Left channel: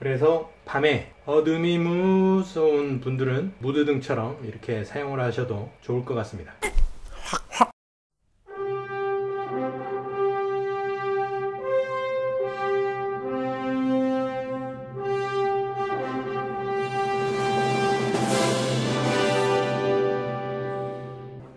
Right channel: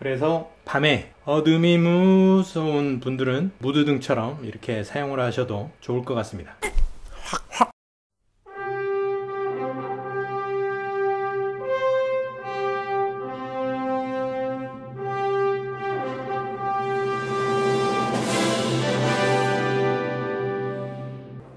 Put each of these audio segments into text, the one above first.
그래서 밤에 어둠이 무서운 분들은 무드등처럼 이렇게 사용을 하셔도 좋을 것 같습니다.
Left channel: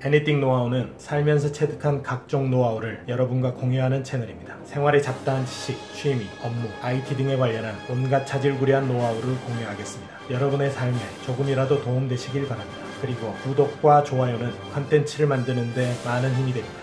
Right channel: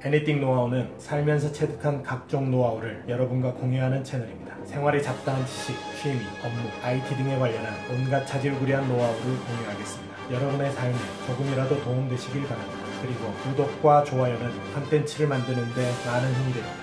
애니띵 노하우는 살면서 체득한 각종 노하우를 여러분과 공유하는 채널입니다. 생활에 잡다한 지식, 취미, 업무, IT 등에 관련한 온갖 자질구레한 노하우를 공유하겠습니다. 여러분의 삶에 조금이라도 도움되시길 바랍니다. 그리고 구독과 좋아요는 컨텐츠를 만드는 데 많은 힘이 됩니다.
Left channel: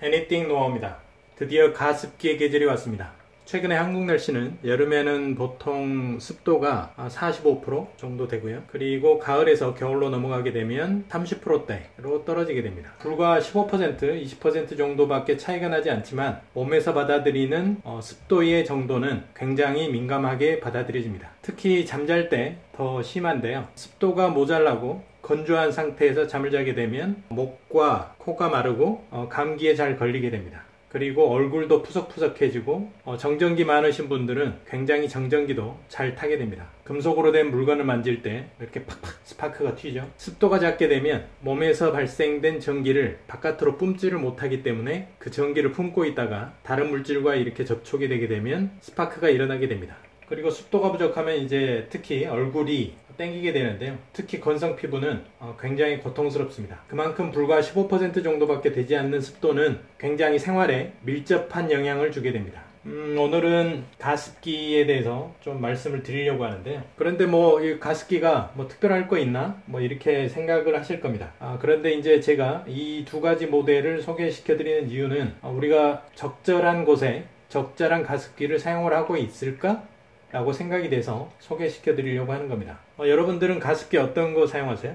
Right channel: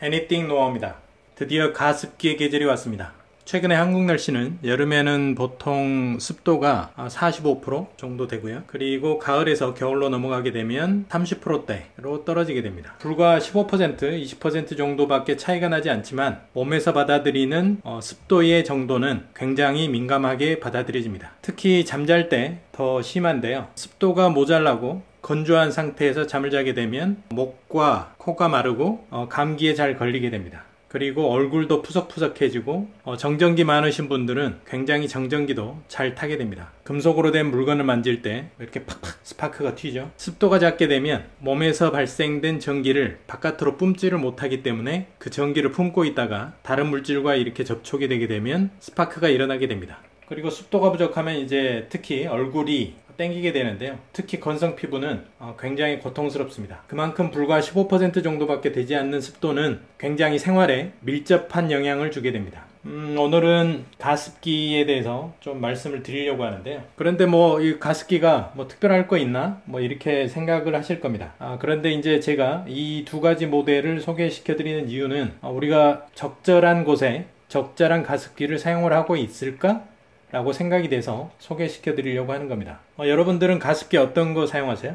애니띵 노하우입니다. 드디어 가습기의 계절이 왔습니다. 최근에 한국 날씨는 여름에는 보통 습도가 45% 정도 되고요. 그리고 가을에서 겨울로 넘어가게 되면 30%대로 떨어지게 됩니다. 불과 15%, 20% 정도밖에 차이가 나지 않지만 몸에서 받아들이는 습도의 정도는 굉장히 민감하게 받아들여집니다. 특히 잠잘 때 더 심한데요. 습도가 모자라고 건조한 상태에서 잠을 자게 되면 목과 코가 마르고 감기에 잘 걸리게 됩니다. 그리고 얼굴도 푸석푸석해지고 정전기 많으신 분들은 굉장히 정전기도 잘 타게 됩니다. 금속으로 된 물건을 만질 때 이렇게 팍팍 스파크가 튀죠. 습도가 작게 되면 몸에서 발생된 전기를 바깥으로 뿜지를 못하기 때문에 그 전기를 품고 있다가 다른 물질과 이렇게 접촉이 되게 되면 스파크가 일어나게 됩니다. 그리고 습도가 부족하면 이제 특히 얼굴이 땡기게 되는데요. 특히 건성 피부는 굉장히 고통스럽습니다. 그만큼 불과 15% 정도밖에 되지 않는 습도는 굉장히 생활에 밀접한 영향을 주게 됩니다. 오늘은 가습기에 대해서 좀 말씀을 드리려고 하는데요. 그런데 이 가습기가 특별할 거 있나? 이렇게 생각을 하실 겁니다. 그런데 이제 제가 이 두 가지 모델을 소개시켜 드리는 이유는 우리가 적절한 곳에 적절한 가습기를 사용을 하고 있을까? 라고 생각이 돼서 소개시켜 드리려고 하는 겁니다. 여러분들은 가습기 어떤 거 사용하세요?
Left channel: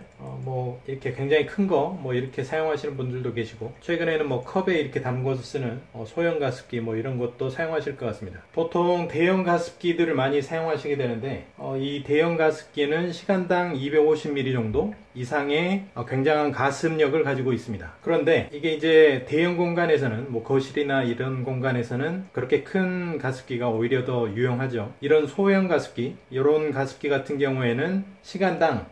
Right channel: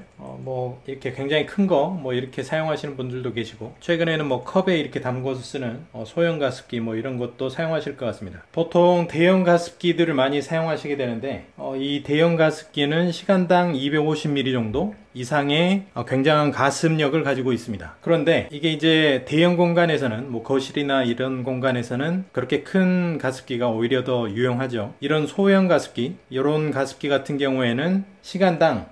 이렇게 굉장히 큰 거 이렇게 사용하시는 분들도 계시고, 최근에는 컵에 이렇게 담궈서 쓰는 소형 가습기 이런 것도 사용하실 것 같습니다. 보통 대형 가습기들을 많이 사용하시게 되는데 이 대형 가습기는 시간당 250ml 정도 이상의 굉장한 가습력을 가지고 있습니다. 그런데 이게 이제 대형 공간에서는 거실이나 이런 공간에서는 그렇게 큰 가습기가 오히려 더 유용하죠. 이런 소형 가습기, 이런 가습기 같은 경우에는 시간당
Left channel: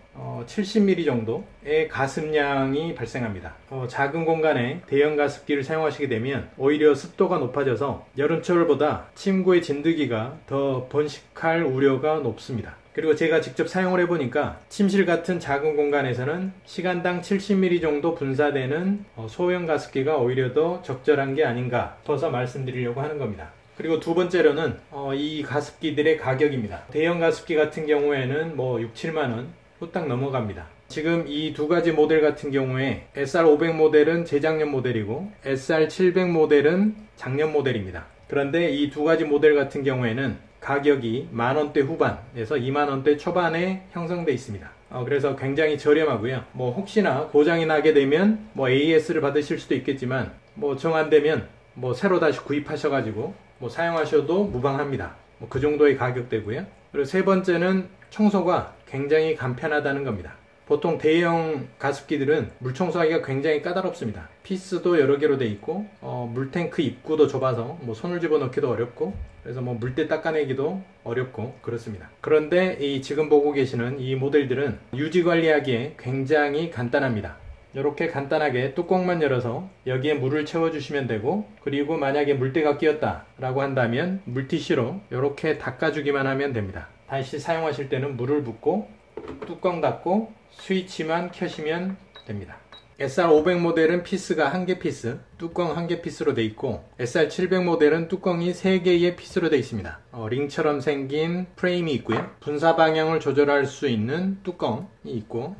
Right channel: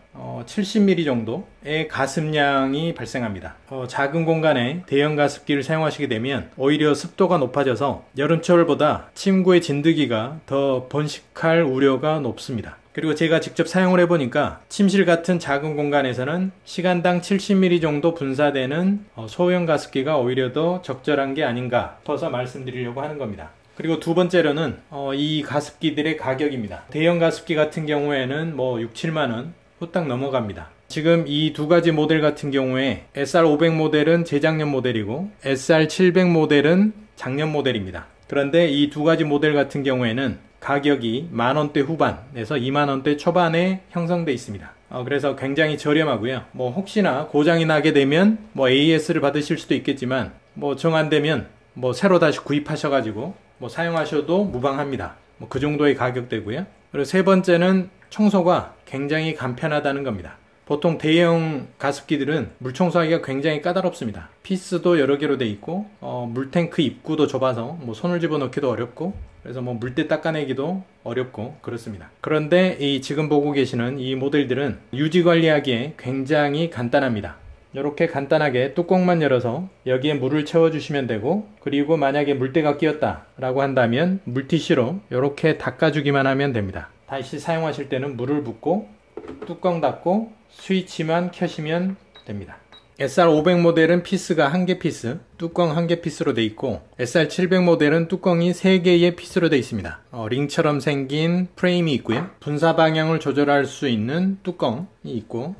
70ml 정도의 가습량이 발생합니다. 작은 공간에 대형 가습기를 사용하시게 되면 오히려 습도가 높아져서 여름철보다 침구의 진드기가 더 번식할 우려가 높습니다. 그리고 제가 직접 사용을 해보니까 침실 같은 작은 공간에서는 시간당 70ml 정도 분사되는 소형 가습기가 오히려 더 적절한 게 아닌가 싶어서 말씀드리려고 하는 겁니다. 그리고 두 번째로는 이 가습기들의 가격입니다. 대형 가습기 같은 경우에는 6, 7만원 후딱 넘어갑니다. 지금 이 두 가지 모델 같은 경우에 SR500 모델은 재작년 모델이고 SR700 모델은 작년 모델입니다. 그런데 이 두 가지 모델 같은 경우에는 가격이 만원대 후반에서 2만원대 초반에 형성되어 있습니다. 그래서 굉장히 저렴하고요. 혹시나 고장이 나게 되면 AS를 받으실 수도 있겠지만 정 안되면 새로 다시 구입하셔가지고 사용하셔도 무방합니다. 그 정도의 가격대고요. 그리고 세 번째는 청소가 굉장히 간편하다는 겁니다. 보통 대형 가습기들은 물 청소하기가 굉장히 까다롭습니다. 피스도 여러 개로 되어 있고 물탱크 입구도 좁아서 손을 집어넣기도 어렵고, 그래서 물때 닦아내기도 어렵고 그렇습니다. 그런데 지금 보고 계시는 이 모델들은 유지 관리하기에 굉장히 간단합니다. 이렇게 간단하게 뚜껑만 열어서 여기에 물을 채워주시면 되고, 그리고 만약에 물때가 끼었다 라고 한다면 물티슈로 이렇게 닦아주기만 하면 됩니다. 다시 사용하실 때는 물을 붓고 뚜껑 닫고 스위치만 켜시면 됩니다. SR500 모델은 피스가 1개 피스, 뚜껑 1개 피스로 되어 있고, SR700 모델은 뚜껑이 3개의 피스로 되어 있습니다. 링처럼 생긴 프레임이 있고요. 분사 방향을 조절할 수 있는 뚜껑이 있고,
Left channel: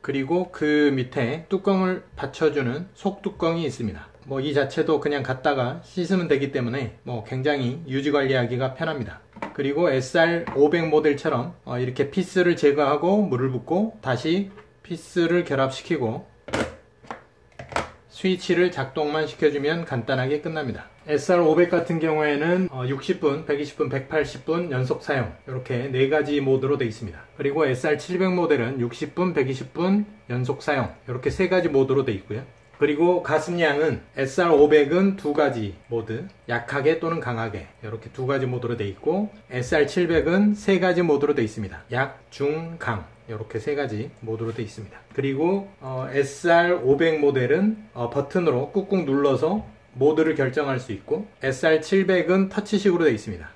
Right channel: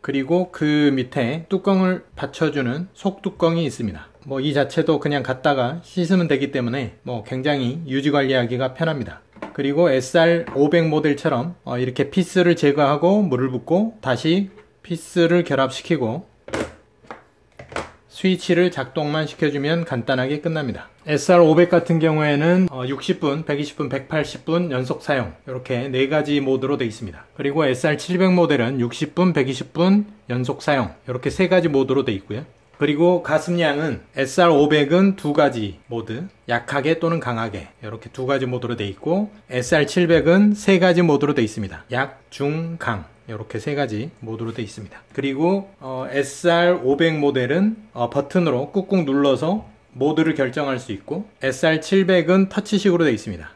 그리고 그 밑에 뚜껑을 받쳐주는 속뚜껑이 있습니다. 이 자체도 그냥 갖다가 씻으면 되기 때문에 굉장히 유지관리하기가 편합니다. 그리고 SR500 모델처럼 이렇게 피스를 제거하고 물을 붓고 다시 피스를 결합시키고 스위치를 작동만 시켜주면 간단하게 끝납니다. SR500 같은 경우에는 60분, 120분, 180분 연속 사용, 이렇게 4가지 모드로 되어 있습니다. 그리고 SR700 모델은 60분, 120분 연속 사용, 이렇게 3가지 모드로 되어 있고요. 그리고 가습량은 SR500은 두 가지 모드, 약하게 또는 강하게 이렇게 두 가지 모드로 되어 있고, SR700은 세 가지 모드로 되어 있습니다. 약, 중, 강 이렇게 세 가지 모드로 되어 있습니다. 그리고 SR500 모델은 버튼으로 꾹꾹 눌러서 모드를 결정할 수 있고, SR700은 터치식으로 되어 있습니다.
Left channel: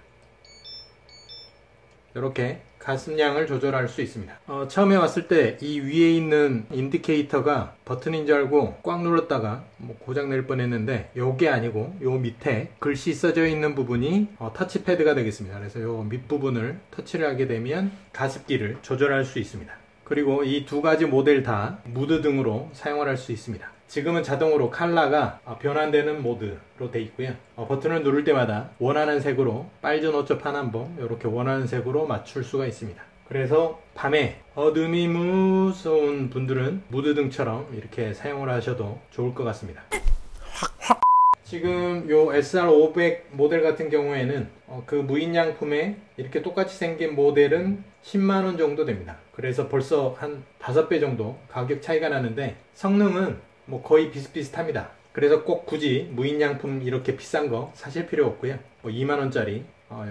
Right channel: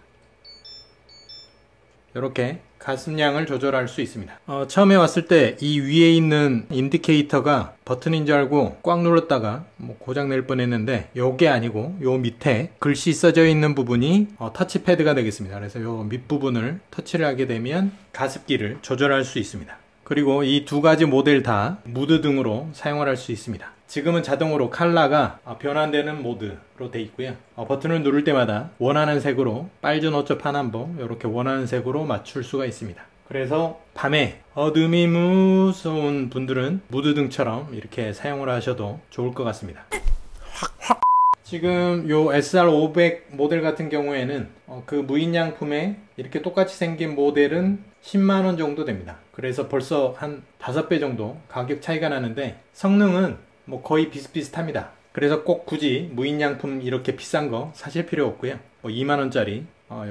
이렇게 가습량을 조절할 수 있습니다. 처음에 왔을 때 이 위에 있는 인디케이터가 버튼인 줄 알고 꽉 눌렀다가 고장 낼 뻔했는데, 요게 아니고 요 밑에 글씨 써져 있는 부분이 터치패드가 되겠습니다. 그래서 요 밑부분을 터치를 하게 되면 가습기를 조절할 수 있습니다. 그리고 이 두 가지 모델 다 무드 등으로 사용을 할 수 있습니다. 지금은 자동으로 컬러가 변환되는 모드로 되어 있고요. 버튼을 누를 때마다 원하는 색으로, 빨주 노초 파남보 이렇게 원하는 색으로 맞출 수가 있습니다. 그래서 밤에 어둠이 무서운 분들은 무드등처럼 이렇게 사용을 하셔도 좋을 것 같습니다. 지금 요 SR500 모델 같은 경우에는 그 무인양품에 이렇게 똑같이 생긴 모델은 10만원 정도 됩니다. 그래서 벌써 한 5배 정도 가격 차이가 나는데, 성능은 거의 비슷비슷합니다. 그래서 꼭 굳이 무인양품 이렇게 비싼 거 사실 필요 없고요. 2만원짜리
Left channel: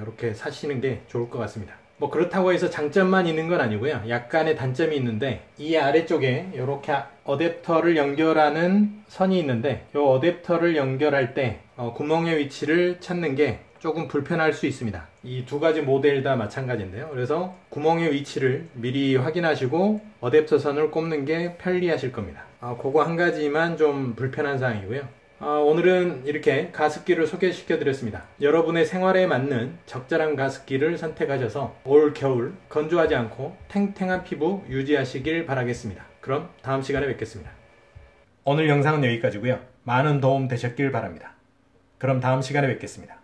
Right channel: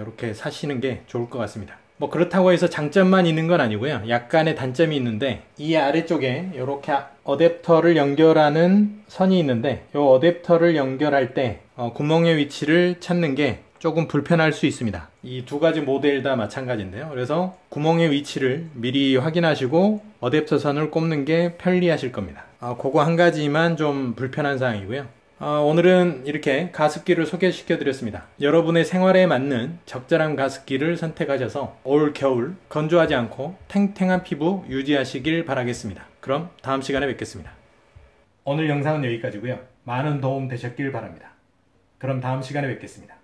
이렇게 사시는 게 좋을 것 같습니다. 그렇다고 해서 장점만 있는 건 아니고요. 약간의 단점이 있는데, 이 아래쪽에 이렇게 어댑터를 연결하는 선이 있는데, 이 어댑터를 연결할 때 구멍의 위치를 찾는 게 조금 불편할 수 있습니다. 이 두 가지 모델 다 마찬가지인데요. 그래서 구멍의 위치를 미리 확인하시고 어댑터 선을 꼽는 게 편리하실 겁니다. 그거 한 가지만 좀 불편한 사항이고요. 오늘은 이렇게 가습기를 소개시켜 드렸습니다. 여러분의 생활에 맞는 적절한 가습기를 선택하셔서 올 겨울 건조하지 않고 탱탱한 피부 유지하시길 바라겠습니다. 그럼 다음 시간에 뵙겠습니다. 오늘 영상은 여기까지고요. 많은 도움 되셨길 바랍니다. 그럼 다음 시간에 뵙겠습니다.